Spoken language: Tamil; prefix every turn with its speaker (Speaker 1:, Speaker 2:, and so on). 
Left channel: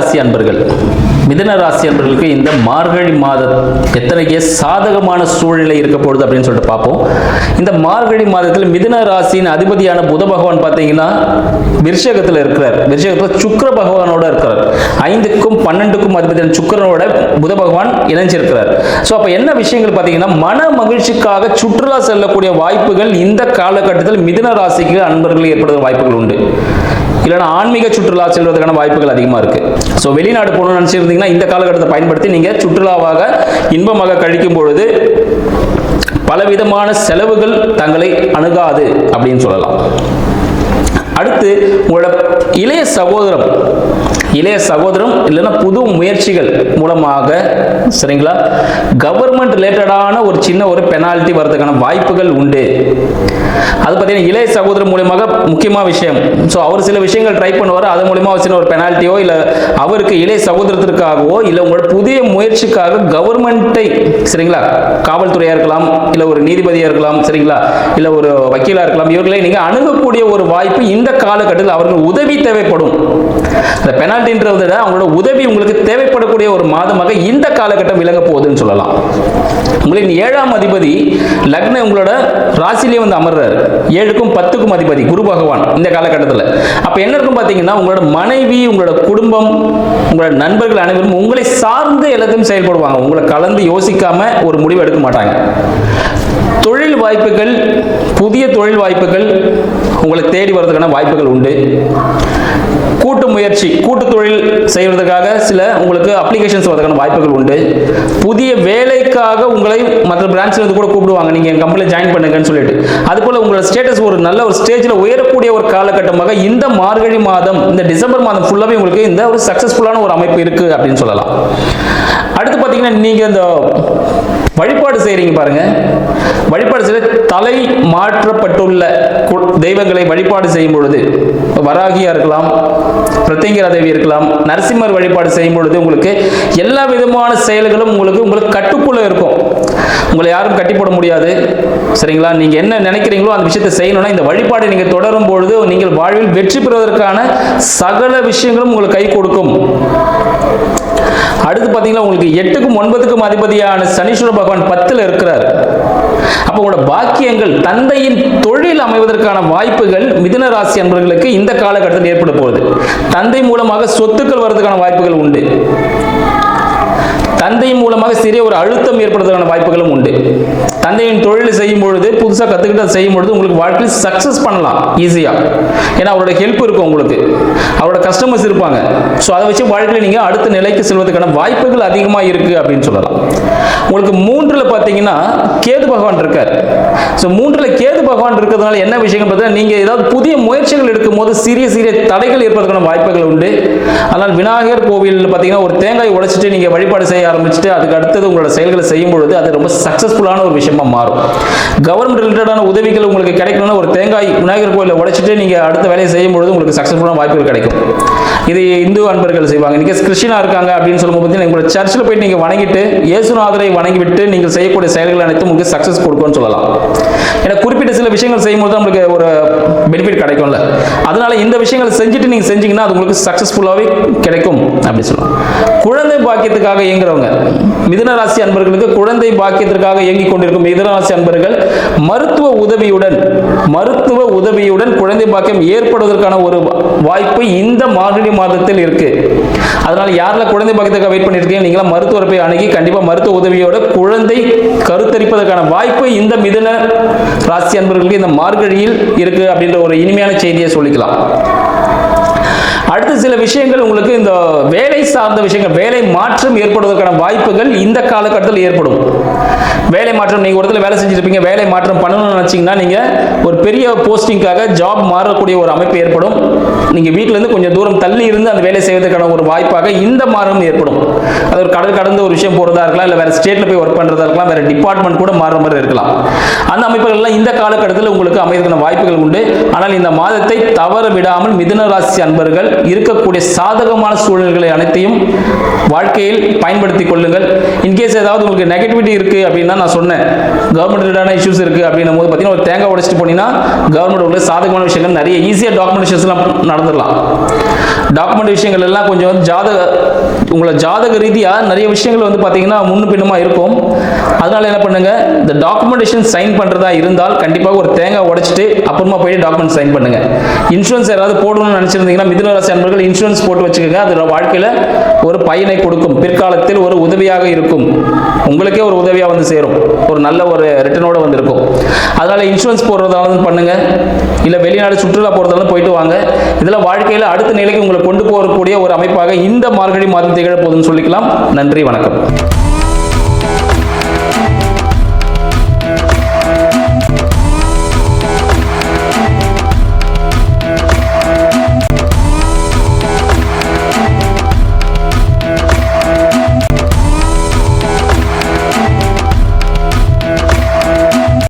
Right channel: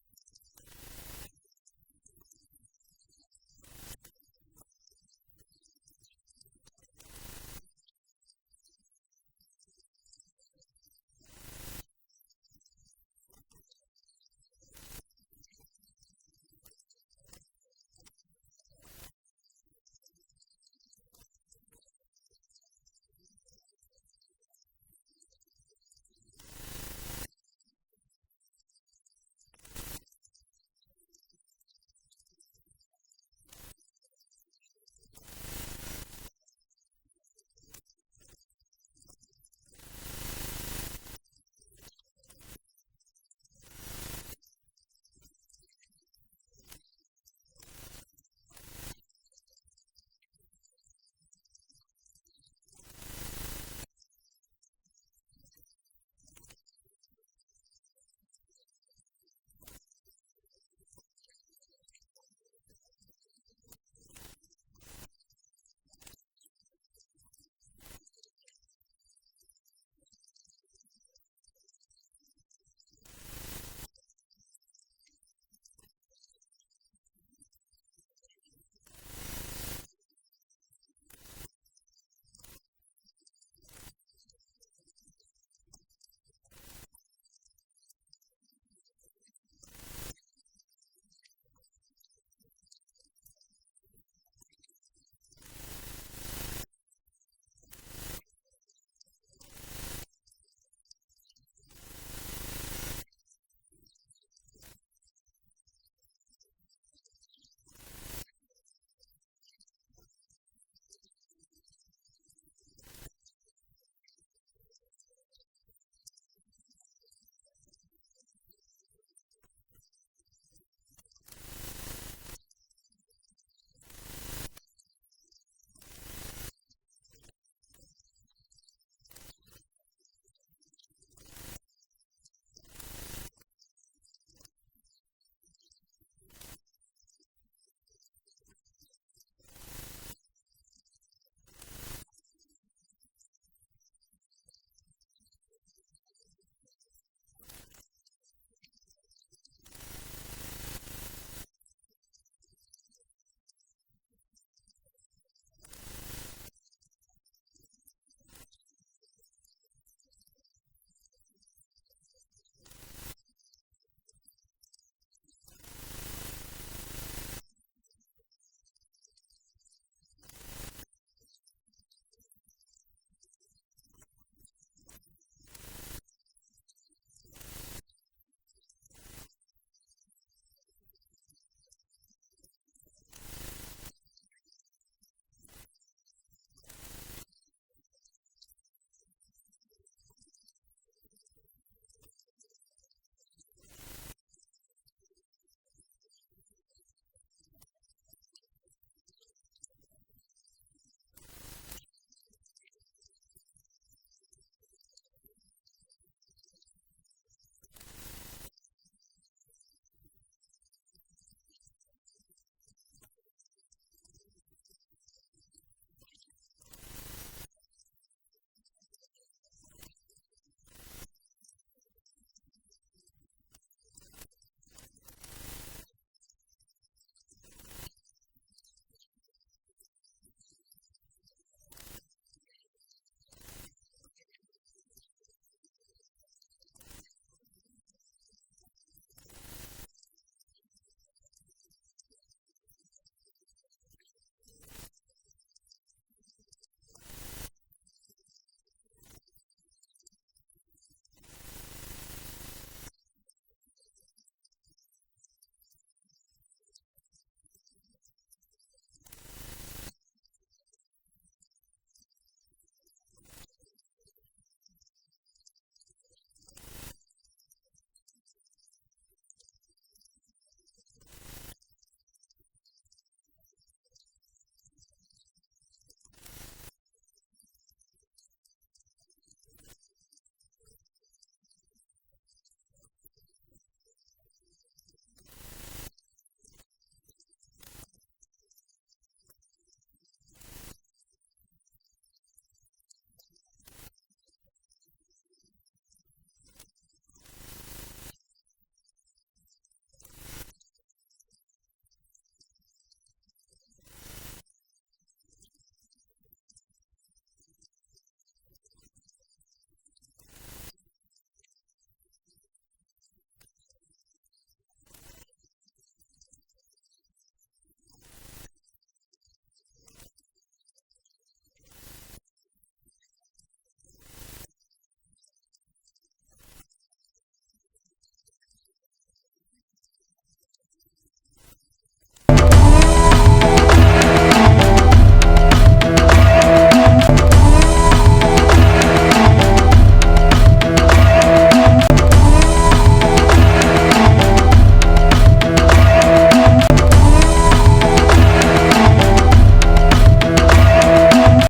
Speaker 1: ராசி அன்பர்கள். மிதன ராசி அன்பர்களுக்கு இந்த மார்கழி மாதம் எத்தனைக்கே சாதகமான சூழ்நிலை இருக்க போகுது அப்படின்னு சொல்லிட்டு பார்ப்போம். இந்த மார்கழி மாதத்தில் மிதன ராசியின் அதிபதியான புத பகவான் பார்த்தீங்கன்னா விருஷகத்தில் இருக்கிறார். விருஷகத்தில் சுக்கர பகவானோட இருக்கிறார். ஐந்துக்கும் பன்னெண்டுக்கும் அதிபதியான சுக்கரனோட புத பகவான் இணைஞ்சிருக்கிறார். ஸோ அப்போ என்ன விஷயங்கள் பார்த்தீங்கன்னா மன மகிழ்ச்சிக்காக சுற்றுலா செல்லக்கூடிய வாய்ப்புகள் இந்த காலகட்டத்தில் மிதுன ராசிக்கு அன்பர்கள் ஏற்படுகிற வாய்ப்புகள் உண்டு. இல்லைனா ஆன்மீக சுற்றுலா செல்வதற்கான வாய்ப்புகள் அதிகமாக இருக்கு. ஸோ வெளிநாடு போகணும்னு நினச்சிருந்தீங்கன்னா இந்த காலகட்டத்தை பயன்படுத்தி நீங்கள் சுற்றுலாவாக இன்பமாக கழிக்கும் பொழுது பலவிதமான செலவுகள் தங்களை அணுகாது அப்படின்னு சொல்லலாம். அடுத்து உங்களோட இளைய சகோதரம் இளைய சகோதரம் இல்லைன்னா புது முயற்சிகள் மூலமாக சரிங்களா? கவர்மெண்ட் ரிலேட்டடான ஒரு சின்ன ஒரு பெனால்ட்டி வர்றதுக்கான வாய்ப்புகள் உண்டு. அது பார்த்தீங்கன்னா இளைய சகோதரர் மூலியமாக முக்கியமான விஷயம். ஸோ அவர் சில விஷயங்கள் ட்ரை பண்ணுவார் அது மூலியமாக ஒரு சின்ன ஒரு பெனால்ட்டியோ இல்லை அவருக்கு இளைய சகோதரத்திற்காகவோ இல்லை உங்களோட புதிய முயற்சிக்காக கவர்மெண்ட்டை சரிங்களா? காவல்துறையாக இருக்கலாம் இல்லை ஒரு நீதிபதியாக இருக்கலாம் சரிங்களா? இல்லை ஒரு வக்கீலாக இருக்கலாம் இவர்களை நீங்கள் அணுகக்கூடிய ஒரு வாய்ப்பு இந்த காலகட்டத்தில் அவர்கள் உதவி தேவைப்படும். இந்த பெனால்ட்டின்றதை விட அவங்களோட உதவி உங்களுக்கு தேவைப்படக்கூடிய ஒரு மாதமாக இந்த காலகட்டம் விளங்க போகுதுன்னு சொல்லலாம். உங்களின் ஏழாம் அதிபதி லக்ன உங்களோட ராசிலேயே வந்து அமர்றாரு. ஏழுக்கும் பத்துக்கும் அதிபதி குரு பகவான் இந்த காலகட்டத்தில். அப்போ என்ன இருக்கும் பார்த்தீங்கன்னா உங்களோட மனைவி உங்களோட குடும்பம் உங்களோட நண்பர்கள் அனைவரும் உங்களை சார்ந்து எல்லாத்தையும் செயல்படுவாங்க. உங்களை கலந்து யோசிக்காம ஒரு முடிவு எடுக்க மாட்டாங்க. தொழில் வாய்ப்புகள் புதிய தொழில் வாய்ப்புகள் உங்களை தேடி வர்றதுக்கான வாய்ப்புகள் உண்டு. கூட்டு முயற்சி கூட்டு தொழில் செய்வதற்காக சில உங்களுக்கு அப்ளிகேஷன்ஸ் வரதுக்கான வாய்ப்புகள் உண்டு. புதிய வேலைக்காக உங்களை மற்ற பிரான்ச்சில் இருந்து கூட கூப்பிடுவாங்க. நீங்கள் என் கம்பெனியில் ஜாயின் பண்ணுங்கன்னு சொல்லிட்டு. அதுபோல் உங்களோட ஸ்டேட்டஸ் ஒரு நல்ல ஒரு ஸ்டேஜில் உயரக்கூடிய ஒரு காலகட்டமாக இந்த மார்கழி மாதம் இந்த டிசம்பர் மாதம் ஃபுல்லாகவே உங்களுக்கு இந்த ஒரு சக்ஸஸ்ஃபுல்லான ஒரு அமைப்பு இருக்குது அப்படின்னு சொல்லலாம். அடுத்து பார்த்தீங்கன்னா நீங்கள் இந்த வழிபாடு செய்கிறீங்க பாருங்க. வழிபாடு செய்ய தலை மாற்றப்பட்டுள்ள தெய்வங்களை வழிபாடு செய்யும் பொழுது வராகியா இருக்கலாம் பிரத்யங்கிரா தேவி இருக்கலாம் நரசிம்மர் வழிபாடு செய்யும் பொழுது உங்களுக்கு எல்லா விதமான செயல்களும் உங்களுக்கு உங்களுக்கு கட்டுக்குள்ள இருக்கும். உங்களை யாரும் கட்டி போட முடியாது. சரிங்களா? நீங்க என்ன நினைக்கிறீங்களோ அந்த விஷயத்தை செய்யணும்னா இந்த வழிபாடை நீங்க தொடரும் பொழுது நீங்கள் வாழ்வில் வெற்றி பெறுவதற்கான சகல விஷயங்களும் உங்களுக்கு கை கொடுக்கும். அடுத்து பார்த்தீங்கன்னா உங்களுக்கு எட்டுக்கும் ஒன்பதுக்கும் அதிபதியான சனீஸ்வர பகவான் பத்தில் இருக்கிறார். அப்போ உங்களோட பாக்கியங்கள் தந்தையின் தொழில் அமைவதற்கான வாய்ப்புகள் மிதுன ராசி அன்பர்களுக்கு இந்த காலகட்டத்தில் ஏற்பட போகுது. தந்தை மூலமாக சொத்துக்கள் வர்றதுக்கான வாய்ப்புகள் உண்டு. தந்தை மூலமாக சிறிய ஒரு அழுத்தம் ஏற்படுவதற்கான வாய்ப்புகளும் உண்டு. தந்தையின் தொழில் செய்யும் பொழுது புதுசாக கற்றுக்கிட்டு அதை செய்யும் பொழுது உங்களுக்கு வாழ்க்கையில் சக்ஸஸ் பண்ணலாம் ஈஸியாக ஏன்னா அவரோட ஹெல்ப் இருக்கும் உங்களுக்கு. அவரோட கஸ்டமர்ஸ் இருப்பாங்க. ஸோ அதை வச்சு வாழ்க்கையில் நீங்கள் அடுத்த நிலைக்கு செல்வதற்கான வாய்ப்புகள் அதிகமாக இருக்குது அப்படின்னு சொல்லலாம். உங்களுக்கு மூன்றில் பார்த்தீங்கன்னா கேது பகவான் இருக்கார். ஸோ மூன்றில் கேது பகவான் இருக்கிறதுனால என்ன விஷயம் பார்த்தா நீங்கள் ஏதாவது புதிய முயற்சிகள் எடுக்கும் போது சிறிய சிறிய தடைகள் ஏற்படுறதுக்கான வாய்ப்புகள் உண்டு. ஆனால் விநாயகர் கோவில் பார்த்தீங்கன்னா ஒரு தேங்காய் உடைச்சிட்டு நீங்கள் வழிபாடு செய்ய ஆரம்பிச்சுட்டு அதுக்கு அடுத்தது உங்களோட செயல்களை செய்யும் பொழுது அது ரொம்ப சக்ஸஸ்ஃபுல்லான ஒரு விஷயமா மாறும். கவர்மெண்ட் ரிலேட்டடான உதவிகள் உங்களுக்கு கிடைக்கணும்னா ஒரு தேங்காய் விநாயகர் கோயிலில் உடைச்சிட்டு நீங்கள் அடுத்த வேலையை செய்யும் பொழுது உங்களுக்கு சக்ஸஸ்ஃபுல்லான வாய்ப்புகள் கிடைக்கும். இது இந்து அன்பர்கள் செய்வாங்க. நீங்கள் கிறிஸ்டினா இருக்காங்க அப்படின்னு சொல்லும்போது பார்த்தீங்கன்னா உங்களோட சர்ச்சில் போய் நீங்கள் வணங்கிட்டு இயேசுநாதரை வணங்கிவிட்டு நீங்கள் செய்யக்கூடிய செயல்கள் அனைத்தும் உங்களுக்கு சக்ஸஸ் கொடுக்கும்னு சொல்லலாம். ஏன்னா குறிப்பிட்ட சில விஷயங்கள் செய்யும்போது தான் ஒரு பெனிஃபிட் கிடைக்கும்ல. அதனால இந்த விஷயங்கள் செஞ்சுட்டு நீங்கள் செஞ்சீங்கன்னா அது உங்களுக்கு சக்ஸஸ்ஃபுல்லாகவே கிடைக்கும் அப்படி சொல்லலாம். குழந்தை பாக்கியத்துக்காக இயங்குறவங்க மிதனராசி அன்பர்களுக்கு குழந்தை பாக்கியத்திற்காக இயங்கிக் கொண்டிருக்கும் மிதனராசி அன்பர்கள் மருத்துவ உதவியுடன் மருத்துவ உதவியுடன் குழந்தை பாக்கியம் ஏற்படுவதற்கான ஒரு வாய்ப்பு இந்த மார்கழி மாதத்தில் இருக்குது அதனால யாரெல்லாம் குழந்தை பாக்கியத்துக்காக வெயிட் பண்ணிருக்கீங்க நீங்களா மருத்துவரை போய் அணுகி கண்டிப்பா மருத்துவ உதவியோட குழந்தை கருத்தரிப்பதற்கான வாய்ப்பு இந்த மிதன ராசி அன்பர்களுக்கு இந்த மார்கழியில் இருக்கு அப்படின்ற ஒரு இனிமையான செய்தியை சொல்லிக்கலாம். சில விஷயங்கள் உங்களுக்கு இந்த வேலை சார்ந்த விஷயங்கள் வேலை மாற்றம் ஏற்படுவதற்கான வாய்ப்புகள் இந்த காலகட்டத்தில் ஏற்படும். வேலை மாற்றம் நீங்கள் ஒரு இடத்துல வேலை செஞ்சுருப்பீங்க வேலை மாற்றம் பண்ணணும்னு நினச்சிங்கன்னா நீங்கள் ஒரு பெரிய போஸ்டிங்காக ஜாப் மாறக்கூடிய ஒரு அமைப்பு ஏற்படும். நீங்கள் வீட்டிலேருந்து கொஞ்சம் தூரம் தள்ளி இருந்து அந்த வேலை செய்வதற்கான ஒரு வாய்ப்பாக இந்த மாற்றம் ஏற்படும். அது ஒரு கடல் கடந்து ஒரு விஷயம் போகிறதா இருக்கலாம் இல்லை வேறு ஸ்டேட்டில் போய் ஒர்க் பண்ணுறதா இருக்கலாம் வேறு டிபார்ட்மெண்ட் கூட மாறுற மாதிரி இருக்கலாம். அந்த அமைப்புகள்லாம் இந்த காலகட்டத்தில் உங்களுக்கு அமைவதற்கான வாய்ப்புகள் உண்டு. ஆனால் இந்த மாதத்தை தவற விடாமல் மிதுன ராசி அன்பர்கள் இருக்க இருக்கக்கூடிய சாதகமான சூழ்நிலைகளை அனைத்தையும் வாழ்க்கையில் பயன்படுத்தி கொள்ளுங்கள். இன்கேஸ் ஏதாவது உங்களுக்கு நெகட்டிவிட்டி இருக்குது அப்படின்னா நான் சொன்னேன். கவர்மெண்ட் ரிலேட்டான இஷ்யூஸ் இருக்குது அப்படின்னும் போது பார்த்தீங்கன்னா ஒரு தேங்காய் உடைச்சிட்டு போனீங்கன்னா கவர்மெண்ட் உங்களுக்கு சாதகமான விஷயங்கள் நிறைய ஈஸியாக டாக்குமெண்டேஷன்ஸ்லாம் நடந்துடலாம். டாக்குமெண்ட் விஷயங்கள் எல்லாம் கொஞ்சம் வந்து ஜாதக உங்களை ஜாதக ரீதியாக நிறைய விஷயங்கள் வந்து பார்த்தீங்கன்னா முன்னு பின்னுமா இருக்கும். அதனால என்ன பண்ணுங்க இந்த டாக்குமெண்டேஷன் சைன் பண்ணுறதா இருந்தால் கண்டிப்பாக ஒரு தேங்காய் உடைச்சிட்டு அப்புறமா போய் டாக்குமெண்ட் சைன் பண்ணுங்க. இன்சூரன்ஸ் யாராவது போடணும்னு நினச்சிருந்தீங்கன்னா மிதுனராசி அன்பர்கள் இன்சூரன்ஸ் போட்டு வச்சுக்கோங்க. அது வாழ்க்கையில் ஒரு பயனை கொடுக்கும். பிற்காலத்தில் ஒரு உதவியாக இருக்கும். உங்களுக்கே ஒரு உதவியாக வந்து சேரும். ஒரு நல்ல ஒரு ரிட்டர்னோட வந்திருக்கும். அதனால் அதனால இன்சூரன்ஸ் போடுறதாலும் பண்ணுங்க. இல்லை வெளிநாடு சுற்றுலா போகிறதாலும் போயிட்டு வாங்க. இதெல்லாம் வாழ்க்கையில் அடுத்த நிலைக்கு உங்களை கொண்டு போகக்கூடிய ஒரு அமைப்பாக இந்த மார்கழி மாதம் திகழ போதுன்னு சொல்லிக்கலாம். நன்றி வணக்கம்.